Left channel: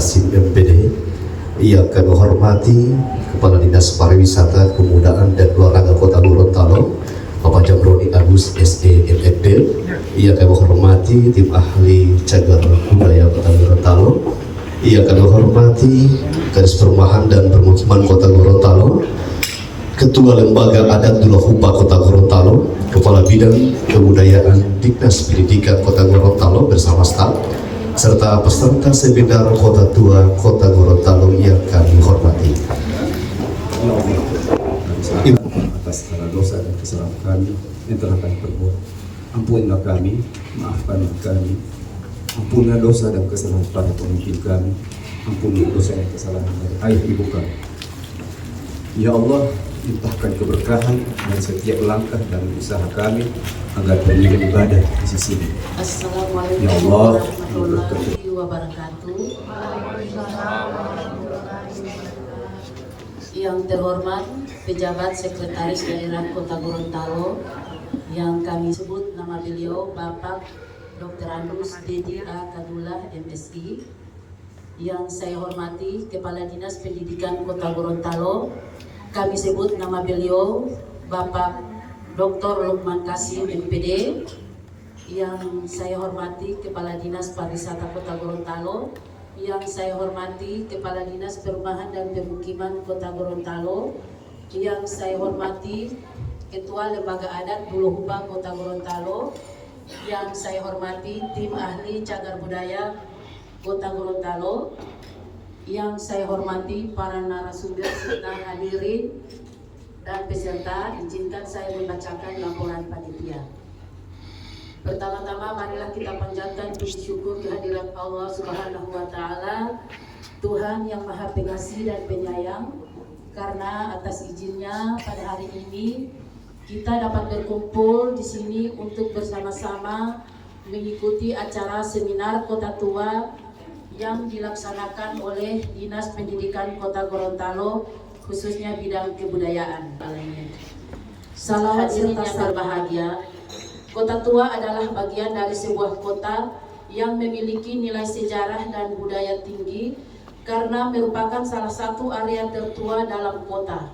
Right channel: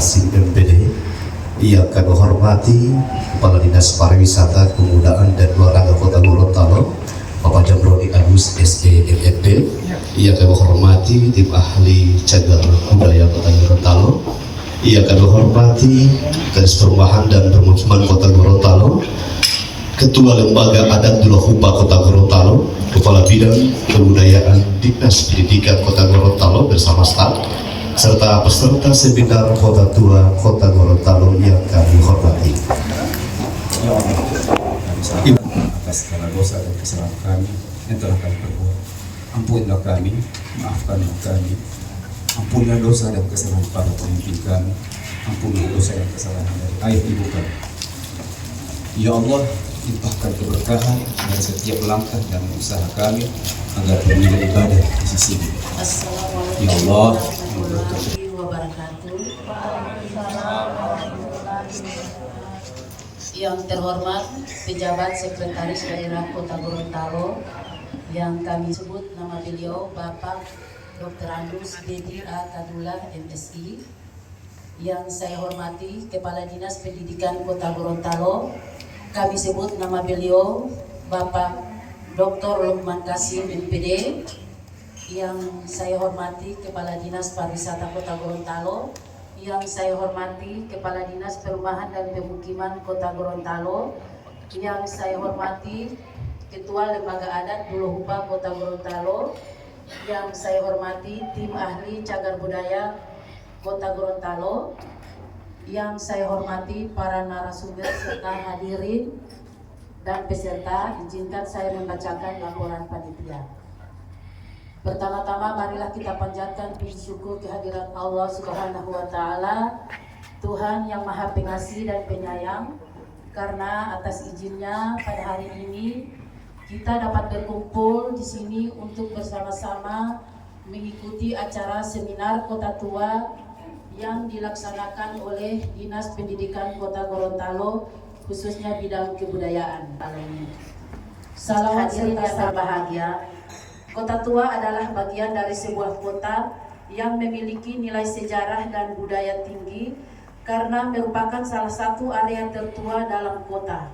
Kasim MPD, yang kami hormati Kepala Dinas Pariwisata, Kebudayaan dan Olahraga Kota Gorontalo, Bapak Jamroni Agus SE MFD, yang kami hormati tim ahli cagar budaya Kota Gorontalo, yang kami hormati Dinas Perumahan dan Permukiman Kota Gorontalo, Ketua Lembaga Adat Dulahupa Kota Gorontalo, Kepala Bidang Kebudayaan Dinas Pendidikan Kota Gorontalo bersama staf, serta peserta seminar Kota Tua Kota Gorontalo yang kami hormati. Ya Allah, atas segala dosa dan kesalahan kami yang telah kami perbuat. Ampunilah kami, maafkanlah kami. Ampunilah dosa dan kesalahan para pemimpin kami. Ampunilah dosa dan kesalahan dari ayah ibu kami. Ya Allah, limpahkan keberkahan dan setiap langkah dan usaha kami agar bernilai ibadah di sisi-Mu. Assalamualaikum Ya Allah, warahmatullahi wabarakatuh. Yang terhormat pejabat sekretaris daerah Kota Gorontalo, yang kami sebut nama beliau Bapak Dr. Andrus Dedi A. Kadula MSI, yang saya hormati Kepala Dinas Pendidikan Kota Gorontalo, kami sebut nama beliau Bapak Dr. Lukman Kasim MPD, yang saya hormati Kepala Dinas Pariwisata Kota Gorontalo, yang saya hormati Kepala Dinas Perumahan dan Pemukiman Kota Gorontalo, yang saya hormati Ketua Lembaga Adat Dulahupa Kota Gorontalo, yang saya hormati tim ahli cagar budaya Kota Gorontalo, yang saya hormati para narasumber serta hadirin dan peserta. Izinkan saya membacakan laporan panitia. Pertama-tama marilah kita panjatkan puji syukur kehadirat Allah Subhanahu wa Ta'ala, Tuhan yang Maha Pengasih dan Penyayang, karena atas izinnya pada hari ini kita dapat berkumpul di sini untuk bersama-sama mengikuti acara seminar Kota Tua yang dilaksanakan oleh Dinas Pendidikan Kota Gorontalo, khususnya bidang kebudayaan. Salam hadirin yang berbahagia, Kota Tua adalah bagian dari sebuah kota yang memiliki nilai sejarah dan budaya tinggi karena merupakan salah satu area tertua dalam kota.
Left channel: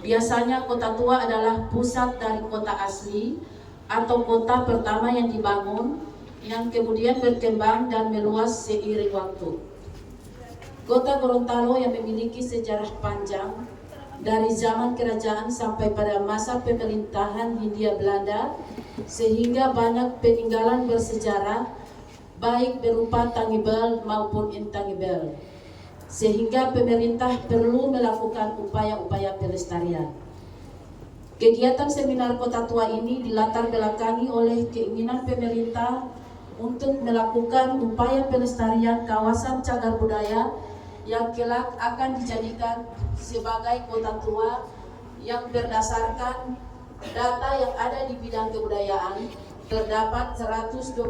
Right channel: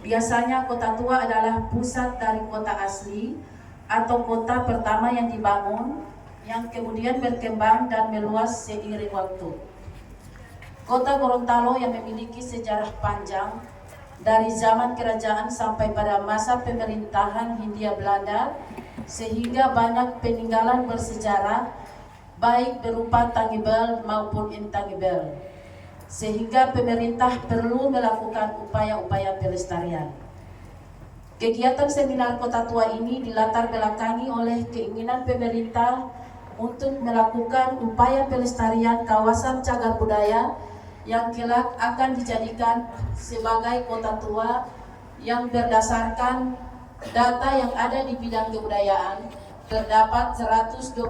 Biasanya Kota Tua adalah pusat dari kota asli atau kota pertama yang dibangun, yang kemudian berkembang dan meluas seiring waktu. Kota Gorontalo yang memiliki sejarah panjang dari zaman kerajaan sampai pada masa pemerintahan Hindia Belanda, sehingga banyak peninggalan bersejarah baik berupa tangible maupun intangible, sehingga pemerintah perlu melakukan upaya-upaya pelestarian. Kegiatan seminar Kota Tua ini dilatar belakangi oleh keinginan pemerintah untuk melakukan upaya pelestarian kawasan cagar budaya yang kelak akan dijadikan sebagai kota tua, yang berdasarkan data yang ada di bidang kebudayaan terdapat 125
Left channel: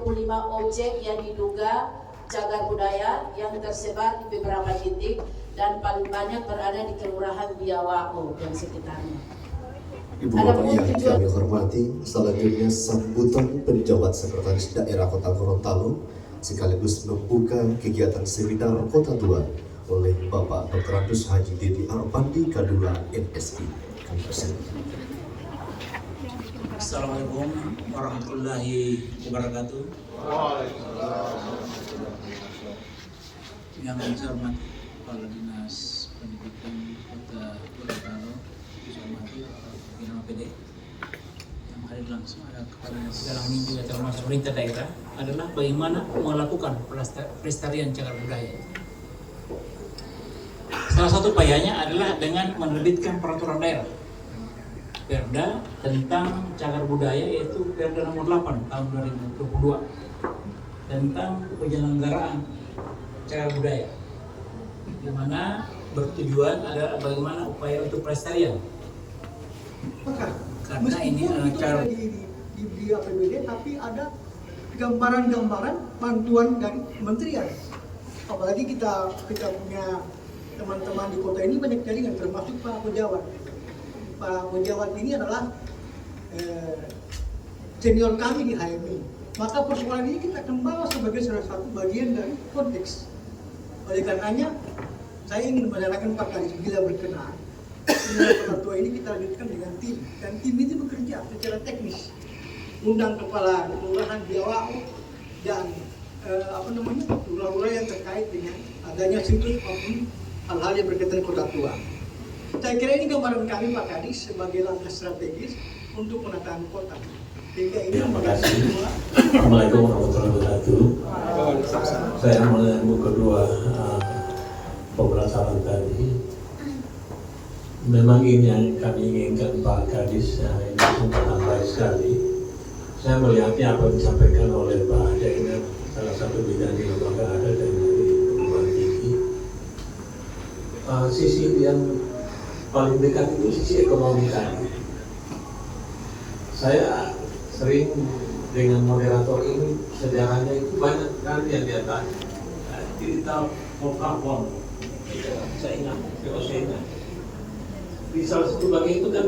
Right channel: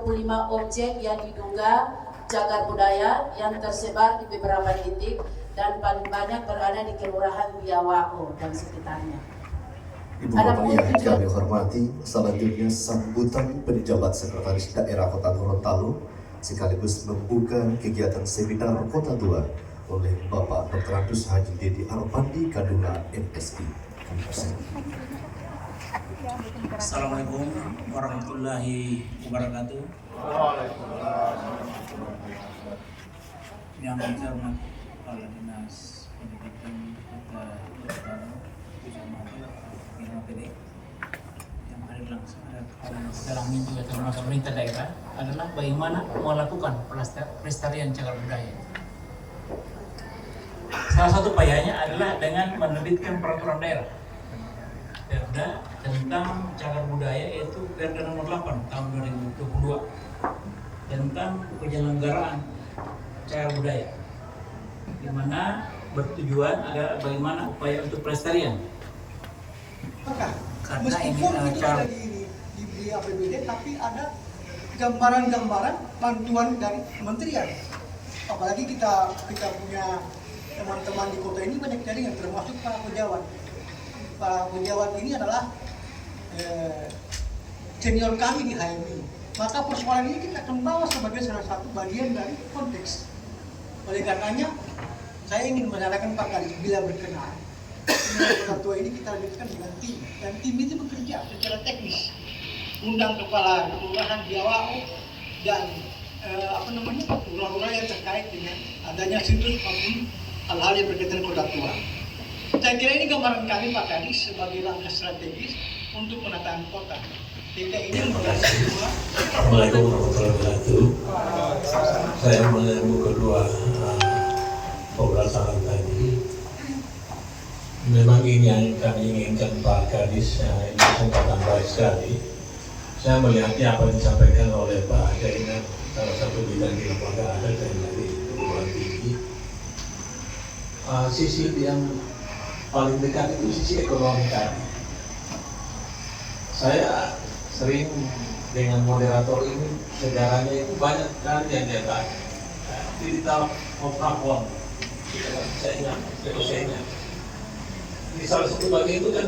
objek yang diduga cagar budaya yang tersebar di beberapa titik dan paling banyak berada di Kelurahan Biawao dan sekitarnya. Ibu Bapak yang kami hormati, selanjutnya sambutan pejabat sekretaris daerah Kota Gorontalo sekaligus membuka kegiatan seminar Kota Tua oleh Bapak Dr. Andrus Haji Dedi Arpandi Kadula MSI. Kami persilakan. Assalamualaikum warahmatullahi wabarakatuh. Yang saya hormati Kepala Dinas Pendidikan Kota Gorontalo, saya hormati Bina PD yang hadir langsung, ada Kepala Dalam juga termasuk pemerintah daerah, adalah bagaimana melakukan pelestarian cagar budaya. Salah satu upayanya adalah dengan menerbitkan peraturan daerah Perda tentang cagar budaya, yaitu Perda nomor 8 tahun 2022 tentang penyelenggaraan cagar budaya, di mana bertujuan ada bagaimana upaya untuk pelestarian. Karena ini ada di APBD, tapi ada gambaran-gambaran bantuan dari kementerian. Apalagi kita punya teman-teman di kota ini banyak jaringan, termasuk Pak Pejabat. Pak Pejabat ini adalah senior kami di HMI. Maka persoalan ini kita akan bawa sebagai salah satu bagian dari konteks Oleh karenanya, saya ingin menyarankan Pak Kadis bila berkenan, pemilihan kota tua ini kita lanjutkan dengan tim, dan tim itu bekerja secara teknis, undang kepala kelurahan Biawao dan lurah-lurah yang terkait dengan adanya situs maupun hal-hal yang berkaitan kota tua. Saya kira ini gambaran kami Pak Kadis sebagai langkah strategis untuk penataan kota. Sehingga ini membantu semua. Assalamualaikum warahmatullahi wabarakatuh. Saya menyambut kedua pembahasan tadi. Memang ini yang kami inginkan Pak Kadis, ini kesempatan baik sekali. Saya melihatnya apa yang disampaikan oleh Pak Jainan, salah satu bidang di lembaga ada dan dari perguruan tinggi. Sisi yang paling dekat itu sisi ekonomi tadi. Saya sering dengan moderator ini sejarahnya itu banyak sekali yang dia tanya. Cerita Oprakon, saya ingat, POC-nya. Di salah satu bagian itu kan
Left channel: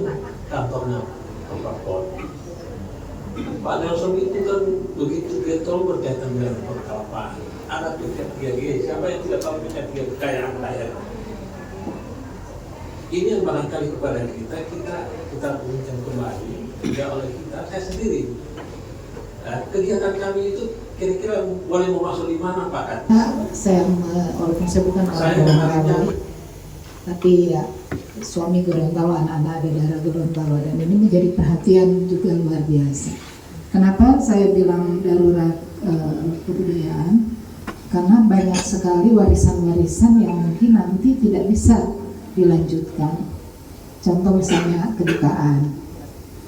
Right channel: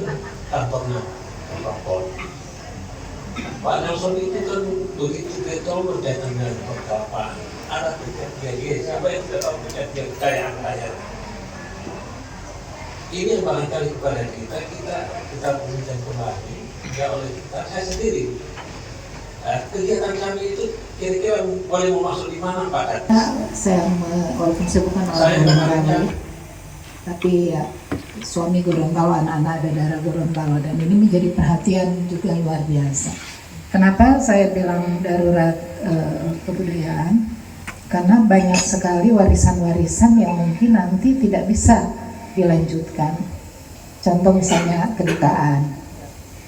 kantornya Oprakon. Pak Nelson itu kan begitu getol berkaitan dengan perkelapaan. Ada pihak dia, siapa yang tidak tahu pihak dia kekayaan. Ini yang barangkali kepada kita berikan kembali, tidak oleh kita, saya sendiri. Kegiatan kami itu kira-kira boleh masuk di mana Pak? Walaupun saya bukan orang Gorontalo, tapi ya suami Gorontalo, anak-anak ada darah Gorontalo, dan ini menjadi perhatian juga luar biasa. Kenapa saya bilang darurat kebudayaan? Karena banyak sekali warisan-warisan yang mungkin nanti tidak bisa dilanjutkan. Contoh misalnya kedutaan,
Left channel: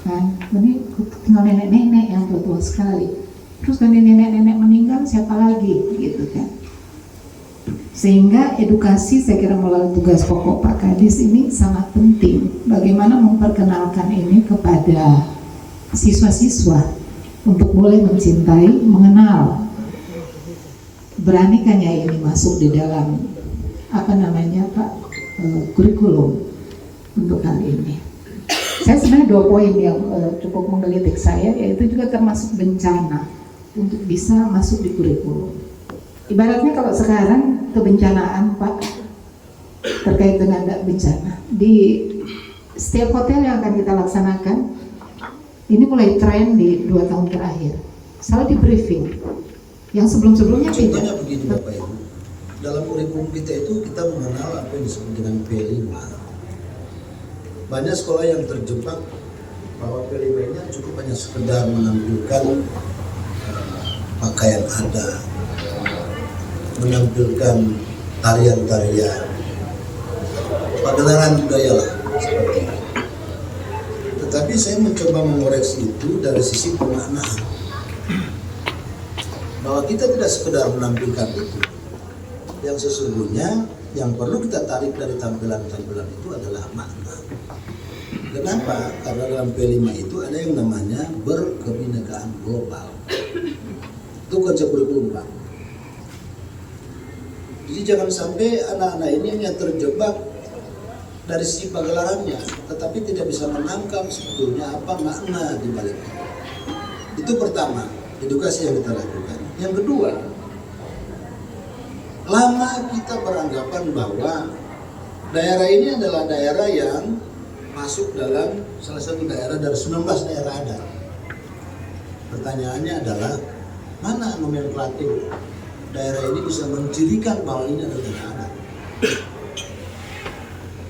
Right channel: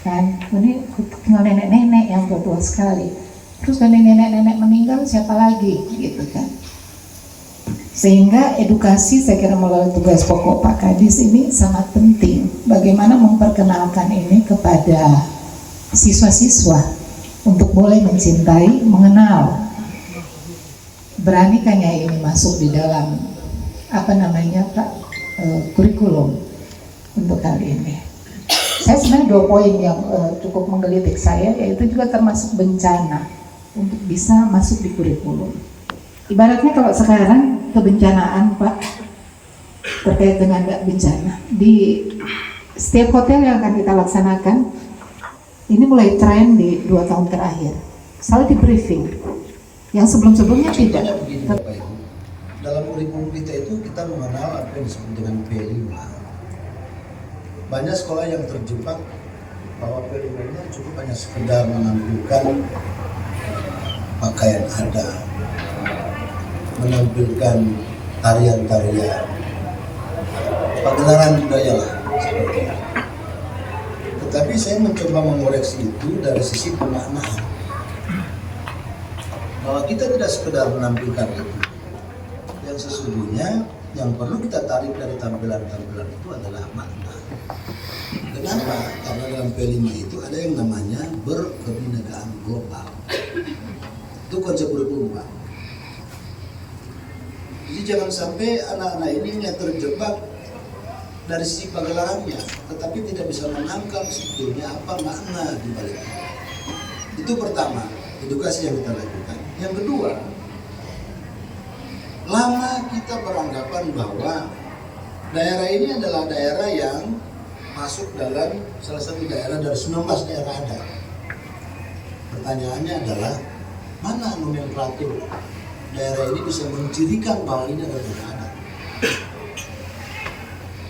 kan? Ini tinggal nenek-nenek yang tua sekali. Terus kalau nenek-nenek meninggal siapa lagi, gitu kan? Sehingga edukasi saya kira melalui tugas pokok Pak Kadis ini sangat penting. Bagaimana memperkenalkan ini kepada siswa-siswa untuk mulai mencintai, mengenal. Beranikannya ini masuk di dalam kurikulum untuk kali ini. Saya sebenarnya 2 poin yang cukup menggelitik saya, yaitu juga termasuk bencana untuk bisa masuk di kurikulum. Ibaratnya kalau sekarang kebencanaan Pak, terkait dengan bencana di setiap hotel yang akan kita laksanakan, ini mulai tren di 2 tahun terakhir selalu di briefing yang sebelumnya tidak. Contohnya begini Bapak Ibu, dalam kurikulum kita itu kita mengenal apa yang disebut dengan P5. Banyak sekolah yang terjebak bahwa P5-nya cukup hanya sekedar menampilkan pakaian adat, menampilkan tarian-tarian, pagelaran budaya lah seperti itu. Tetapi saya mencoba mengoreksi itu dari sisi pemaknaan, bahwa kita tidak sekedar menampilkan itu. Yang sesungguhnya yang perlu kita tarik dari tampilan-tampilan itu adalah makna. Kenapa? Karena dalam P5 itu ada yang namanya berkebinekaan global. Itu konsep kurikulum Pak. Jadi jangan sampai anak-anak ini hanya terjebak dari sisi pagelarannya, tetapi tidak bisa menangkap sebetulnya apa makna di balik itu. Itu pertama, edukasi yang kita lakukan. Yang kedua, lama kita beranggapan bahwa daerah ini adalah daerah yang masuk dalam salah satu daerah dari 19 daerah adat. Pertanyaannya adalah, mana nomenklatur daerah ini bisa mencirikan bahwa ini adalah daerah adat?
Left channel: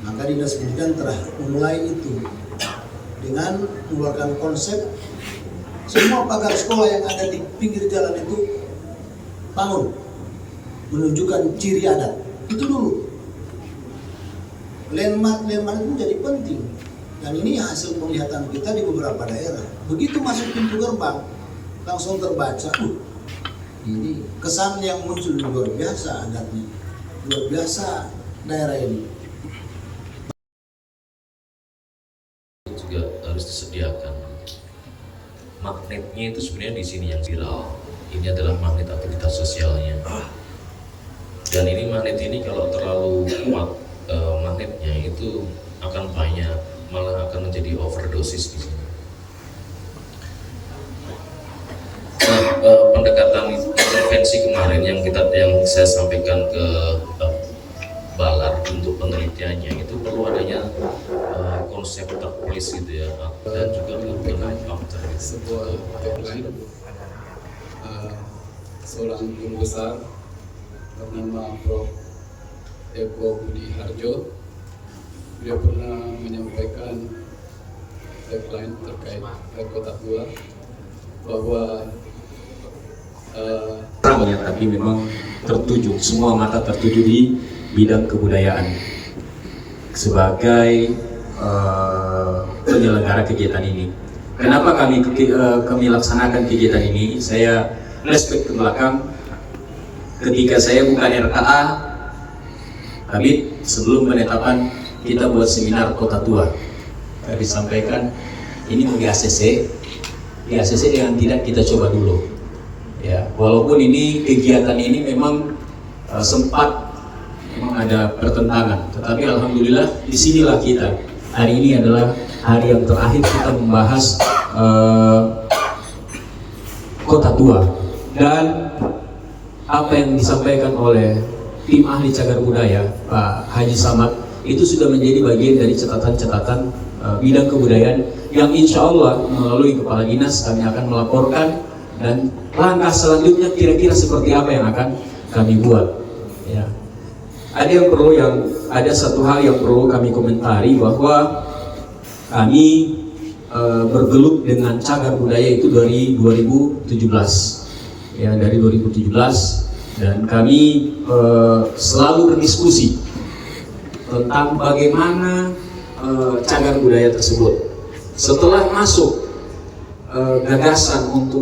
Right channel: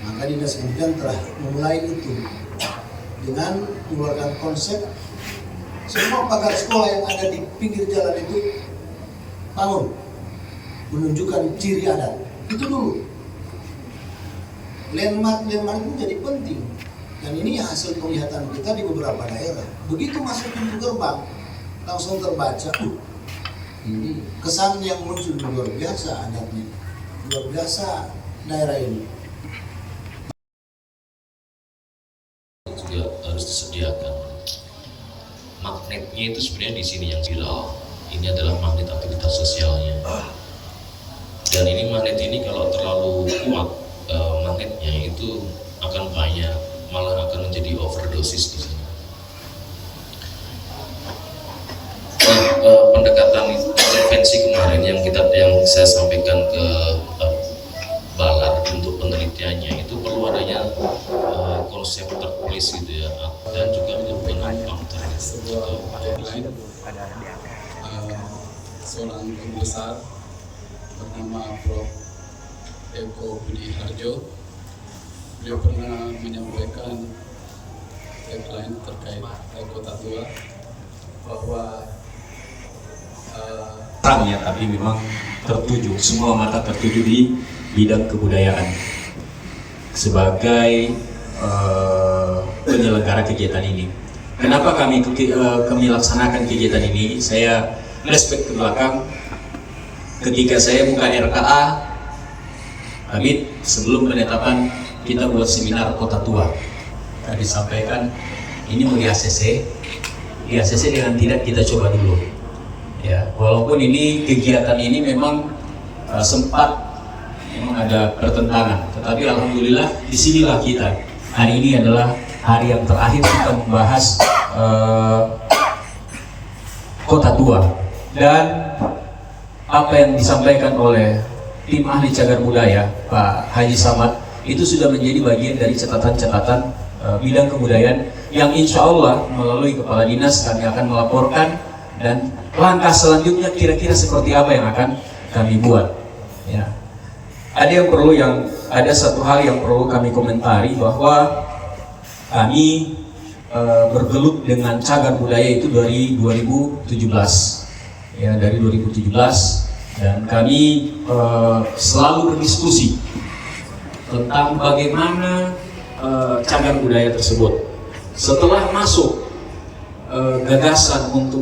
Maka Dinas Pendidikan telah memulai itu dengan mengeluarkan konsep semua pagar sekolah yang ada di pinggir jalan itu bangun menunjukkan ciri adat. Itu dulu. Landmark itu jadi penting. Dan ini hasil penglihatan kita di beberapa daerah. Begitu masuk pintu gerbang, langsung terbaca, ini kesan yang muncul luar biasa adatnya, luar biasa daerah ini. Juga harus disediakan. Magnetnya itu sebenarnya di sini yang viral. Ini adalah magnet aktivitas sosialnya. Dan ini magnet ini kalau terlalu kuat magnetnya itu akan banyak, malah akan menjadi overdosis di sini. Pendekatan intervensi kemarin yang saya sampaikan ke pengertiannya itu perlu adanya konsep terpolis gitu ya, dan juga urban counter sebuah headline seorang guru besar bernama Prof. Eko Budi Harjo. Beliau pernah menyampaikan tagline terkait kota tua bahwa terangnya, tapi memang tertuju, semua mata tertuju di bidang kebudayaan sebagai penyelenggara kegiatan ini. Kenapa kami laksanakan kegiatan ini? Saya flashback ke belakang ketika saya buka RKA, tapi sebelum penetapan kita buat seminar kota tua. Tadi disampaikan ini mau di ACC dengan tidak kita coba dulu. Ya, walaupun ini kegiatan ini memang sempat memang ada pertentangan, tetapi alhamdulillah disinilah kita. Hari ini adalah hari yang terakhir kita membahas kota tua, dan apa yang disampaikan oleh tim ahli cagar budaya Pak Haji Samad itu sudah menjadi bagian dari catatan-catatan bidang kebudayaan yang insya Allah melalui kepala dinas kami akan melaporkan, dan langkah selanjutnya kira-kira seperti apa yang akan kami buat. Ya. Ada satu hal yang perlu kami komentari, bahwa kami bergelut dengan cagar budaya itu dari 2017, ya, dari 2017, dan kami selalu berdiskusi tentang bagaimana cagar budaya tersebut. Setelah masuk gagasan untuk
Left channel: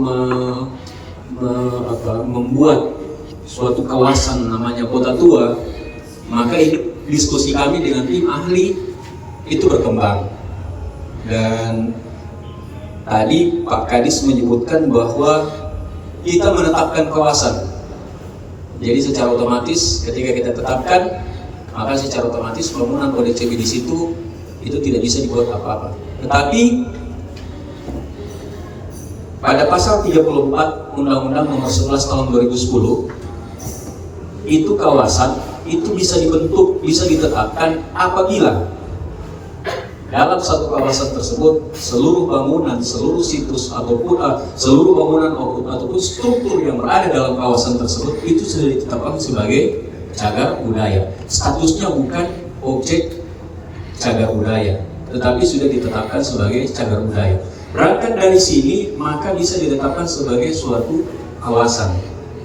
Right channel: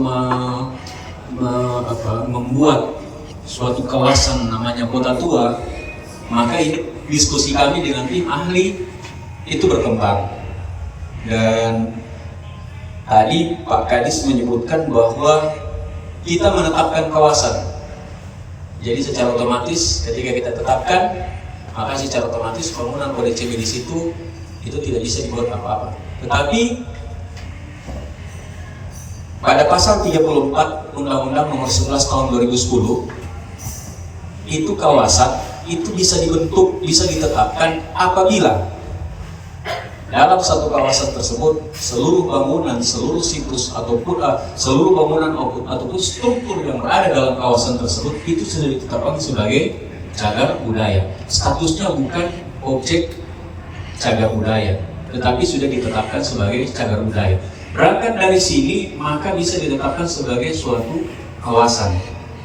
membuat suatu kawasan namanya kota tua, maka diskusi kami dengan tim ahli itu berkembang. Dan tadi Pak Kadis menyebutkan bahwa kita menetapkan kawasan. Jadi secara otomatis ketika kita tetapkan, maka secara otomatis bangunan ODCB di situ itu tidak bisa dibuat apa-apa. Tetapi pada pasal 34 Undang-Undang Nomor 11 Tahun 2010, itu kawasan itu bisa dibentuk, bisa ditetapkan apabila dalam satu kawasan tersebut seluruh bangunan, seluruh situs ataupun seluruh bangunan ataupun struktur yang berada dalam kawasan tersebut itu sudah ditetapkan sebagai cagar budaya. Statusnya bukan objek cagar budaya, tetapi sudah ditetapkan sebagai cagar budaya. Berangkat dari sini, maka bisa ditetapkan sebagai suatu kawasan.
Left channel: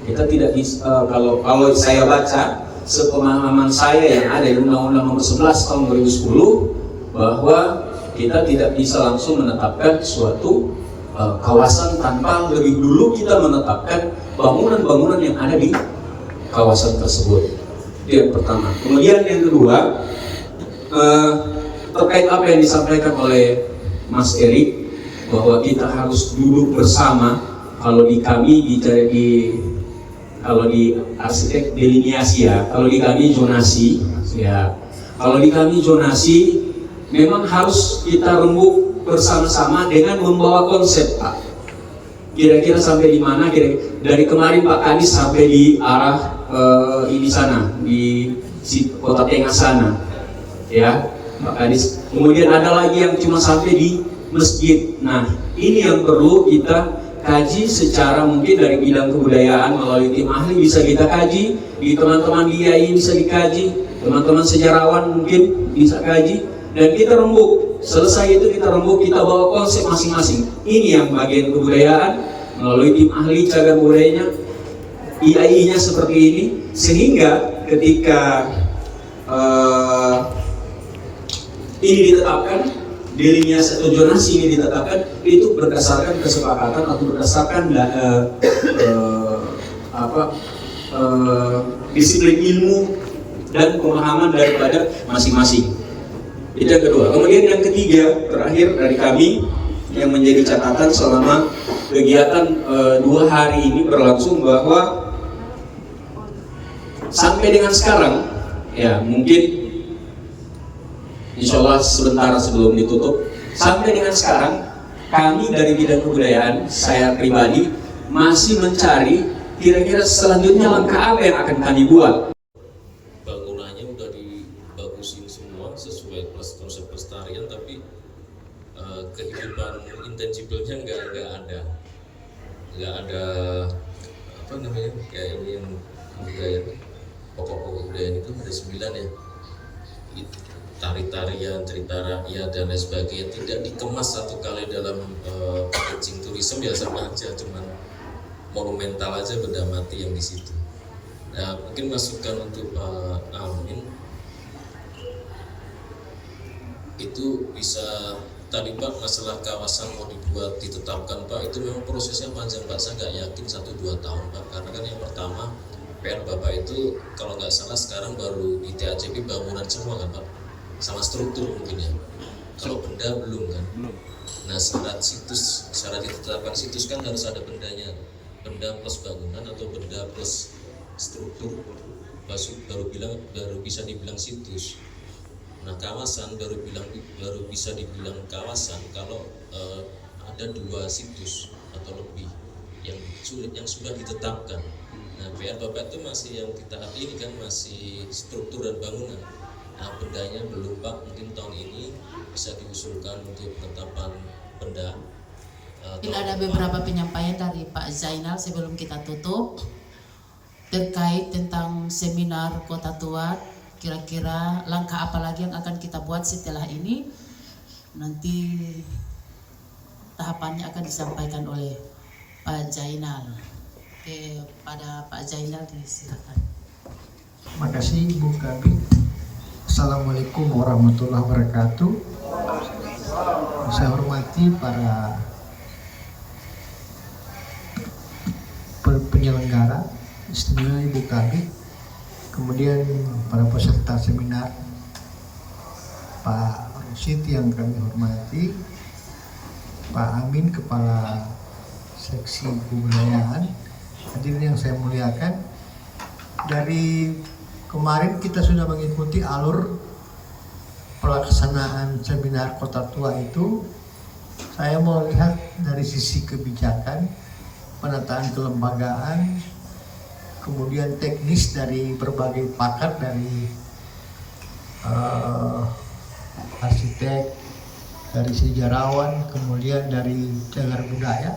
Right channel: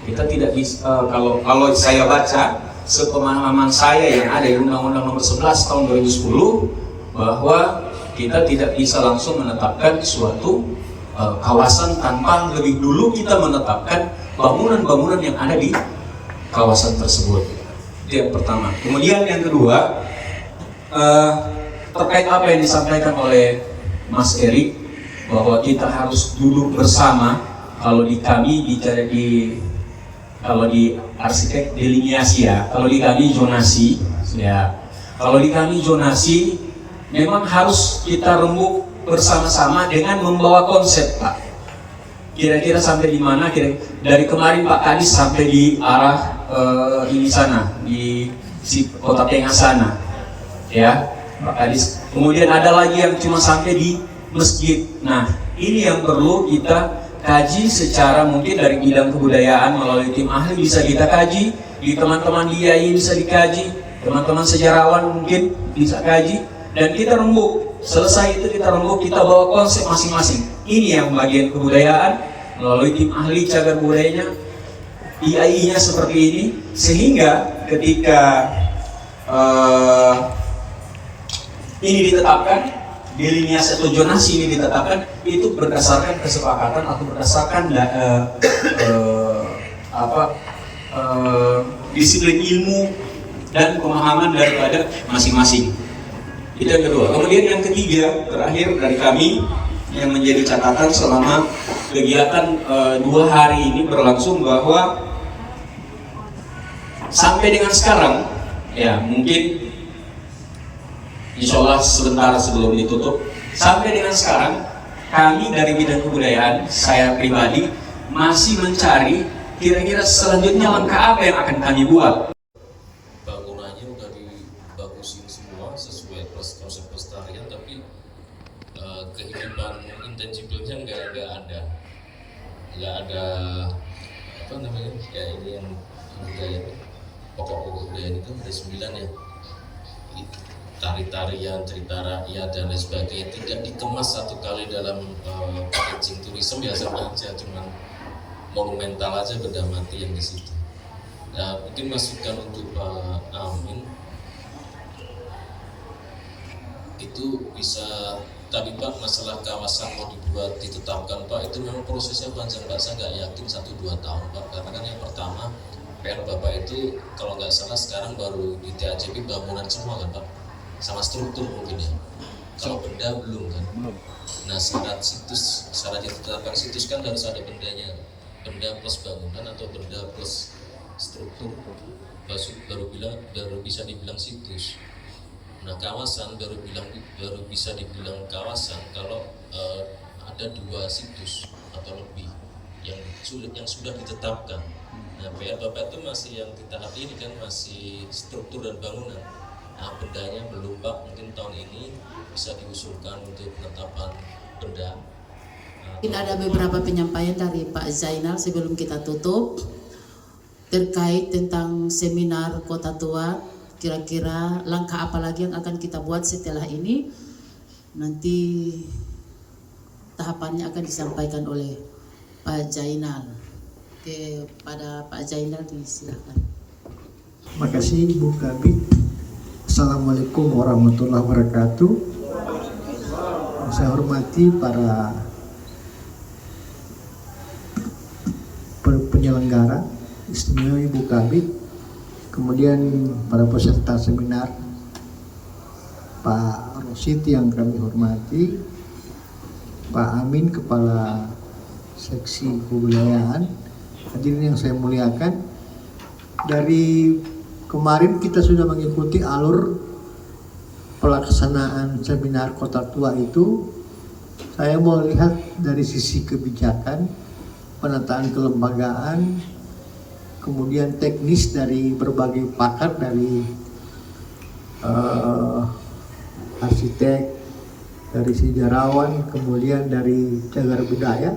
Kita tidak bisa, kalau saya baca, sepemahaman saya yang ada di Undang-Undang Nomor 11 Tahun 2010, bahwa kita tidak bisa langsung menetapkan suatu kawasan tanpa lebih dulu kita menetapkan bangunan-bangunan yang ada di kawasan tersebut. Itu yang pertama. Kemudian yang kedua, terkait apa yang disampaikan oleh Mas Erik, bahwa kita harus duduk bersama. Kalau di kami kalau di arsitek delineasi, ya, kalau di kami zonasi, ya, kalau di kami zonasi memang harus kita rembuk bersama-sama dengan membawa konsep, Pak. Kira-kira sampai di mana? Dari kemarin Pak Kadis sampai di arah ini sana, di Kota Tengah sana, ya, Pak Kadis. Kemudian ada lagi yang cuma sampai di masjid. Nah, ini yang perlu kita kaji secara mungkin dari bidang kebudayaan melalui tim ahli bisa kita kaji, di teman-teman DIY bisa dikaji, teman-teman sejarawan mungkin bisa kaji, dan kita rembuk. Selesai itu kita rembuk, kita bawa konsep masing-masing. Ini yang bagian kebudayaan melalui tim ahli cagar budayanya, IAI-nya seperti ini, sehingga ketika ini ditetapkan, delineasi atau zonasi ini ditetapkan, itu berdasarkan kesepakatan atau berdasarkan disiplin ilmu dan pemahaman daripada masing-masing. Itu yang kedua. Kemudian yang ketiga, terakhir dari kami yang menjadi catatan selama kegiatan 2 hari ini berlangsung, bahwa sampai dengan sekarang, ya mungkin insya Allah sebentar sebelum ditutup, sampai dengan sekarang kami dari bidang kebudayaan, saya pribadi masih mencari kira-kira selanjutnya langkah apa yang akan kami buat. Bangunannya udah dibagusin semua. nggak ada apa namanya kayak ini yang budaya pokok-pokok budaya itu ada 9 ya, tari-tarian, cerita rakyat dan lain sebagainya, tidak dikemas satu kali dalam packaging tourism biasa aja, cuman monumental aja benda mati yang di situ. Nah, mungkin masukan untuk Pak Amin itu bisa tadi Pak, masalah kawasan mau dibuat ditetapkan Pak, itu memang prosesnya panjang Pak, saya nggak yakin 1-2 tahun Pak, karena kan yang pertama PR Bapak itu kalau nggak salah sekarang baru di TAJP bangunan semua kan Pak, sama struktur mungkin ya, kalau benda belum kan. Nah syarat ditetapkan situs kan harus ada bendanya, benda plus bangunan atau benda plus struktur baru bisa dibilang situs. Nah kawasan baru bisa dibilang kawasan kalau ada 2 situs atau lebih yang sudah ditetapkan. Nah PR Bapak itu masih yang di tahap ini kan masih struktur dan bangunan. Nah bendanya belum Pak, mungkin tahun ini bisa diusulkan untuk penetapan benda. Mungkin ada beberapa penyampaian dari Pak Zainal sebelum kita tutup terkait tentang seminar Kota Tua. Kira-kira langkah apa lagi yang akan kita buat setelah ini? Nanti tahapannya akan disampaikan oleh Pak Zainal. Kepada Pak Zainal disilakan. Terima kasih Bu Kabid. Assalamualaikum warahmatullahi wabarakatuh. Saya hormati para penyelenggara, istimewa Ibu Kabid, kemudian para peserta seminar, Pak Rosid yang kami hormati, Pak Amin Kepala Seksi Kebudayaan, hadirin yang saya muliakan. Dari kemarin kita sudah mengikuti alur pelaksanaan seminar Kota Tua itu. Saya mau lihat dari sisi kebijakan, penataan kelembagaan, kemudian teknis dari berbagai pakar, dari arsitek, dari sejarawan, kemudian dari cagar budaya.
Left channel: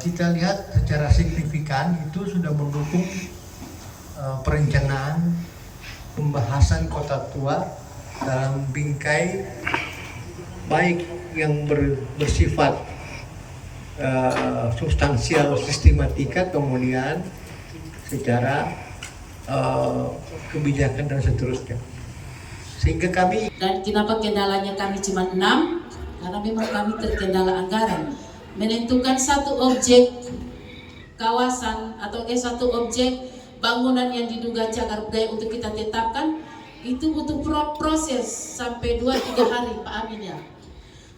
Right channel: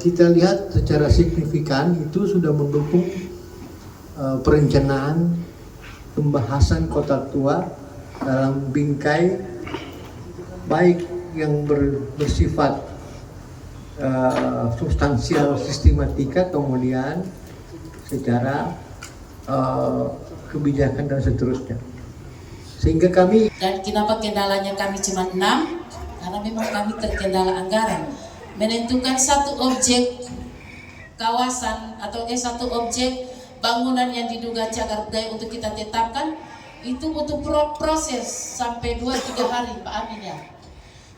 Kita lihat secara signifikan itu sudah mendukung perencanaan pembahasan Kota Tua dalam bingkai baik yang bersifat substansial sistematika, kemudian secara kebijakan dan seterusnya. Sehingga kami, dan kenapa kendalanya kami cuma 6? Karena memang kami terkendala anggaran. Menentukan satu objek kawasan atau satu objek bangunan yang diduga cagar budaya untuk kita tetapkan itu butuh proses sampai 2-3 hari Pak Amin ya.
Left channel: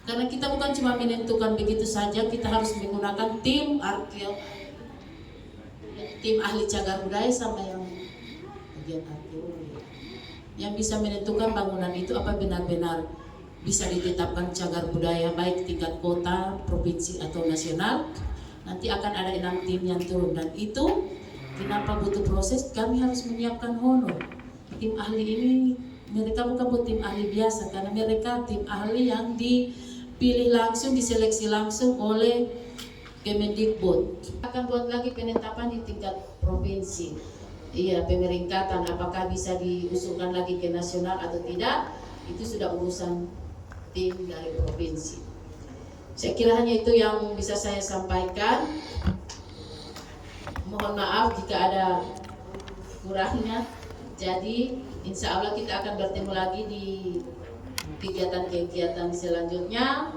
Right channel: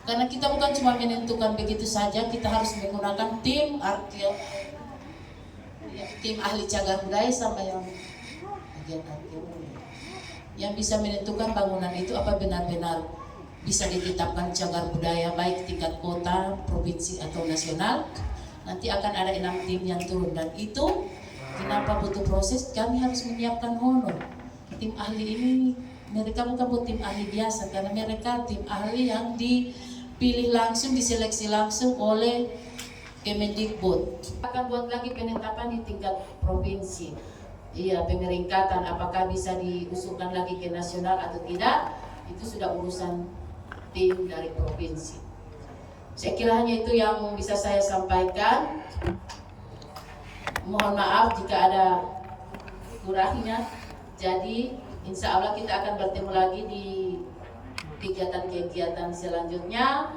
Karena kita bukan cuma menentukan begitu saja, kita harus menggunakan tim ahli cagar budaya sama yang bagian arkeologi yang bisa menentukan bangunan itu apa benar-benar bisa ditetapkan cagar budaya baik tingkat kota, provinsi atau nasional. Nanti akan ada 6 tim yang turun, dan itu kenapa butuh proses, kami harus menyiapkan honor. Tim ahli ini mereka bukan tim ahli biasa, karena mereka tim ahli yang dipilih langsung, diseleksi langsung oleh Kemendikbud. Akan buat lagi penetapan di tingkat provinsi. Iya, pemeringkatan apakah bisa diusulkan lagi ke nasional atau tidak, itu sudah urusan tim dari provinsi. Saya kira hanya itu yang bisa saya sampaikan. Mohon maaf jika ada kurangnya. Jadi insya Allah kita akan bertemu lagi di kegiatan-kegiatan selanjutnya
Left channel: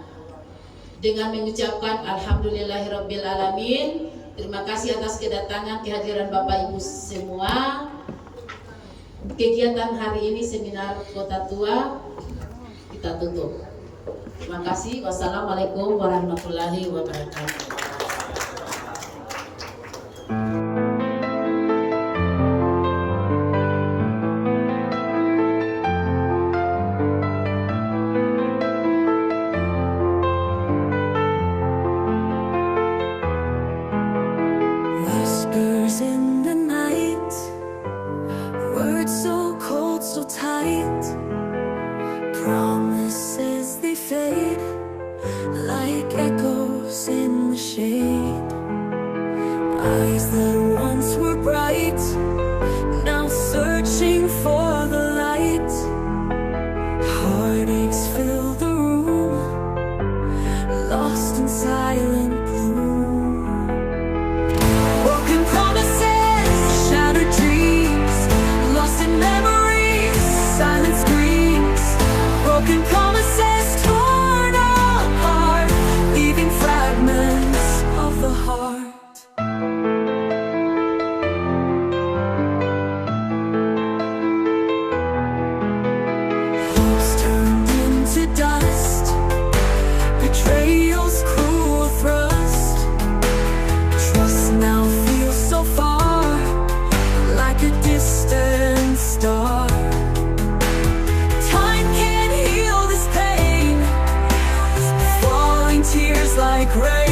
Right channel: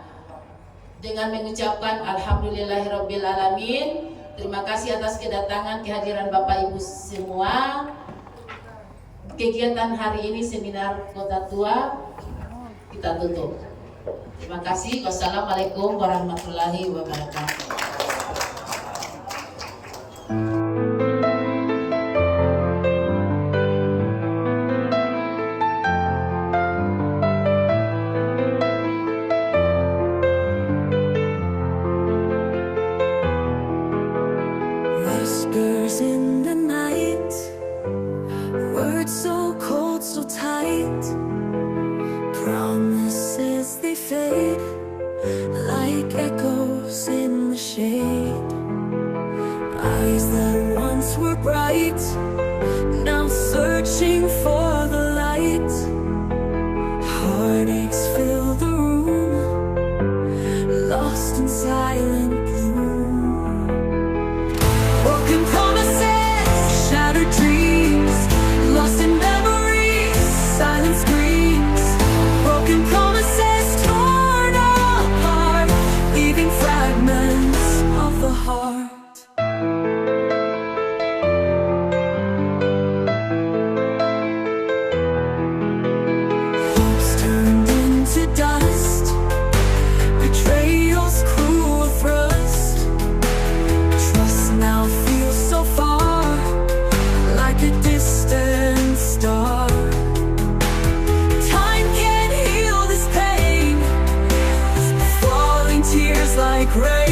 dengan mengucapkan alhamdulillahirabbil alamin. Terima kasih atas kedatangan kehadiran Bapak Ibu semua. Kegiatan hari ini seminar Kota Tua kita tutup. Terima kasih. Wassalamualaikum warahmatullahi wabarakatuh. Whispers in the night, words so cold, so tight, promises they fade like echoes in the shade. Eyes that once were bright, now searching for the light. Heartaches fill the room, lost in silent gloom. Broken promises, shattered dreams, lost in memories, silent screams. Broken promises torn apart, leaving fragments of the heart. Hopes turned into dust, betrayal's cruel thrust. Trust now feels so far, like a distant star. Time can't heal this pain, falling tears like rain.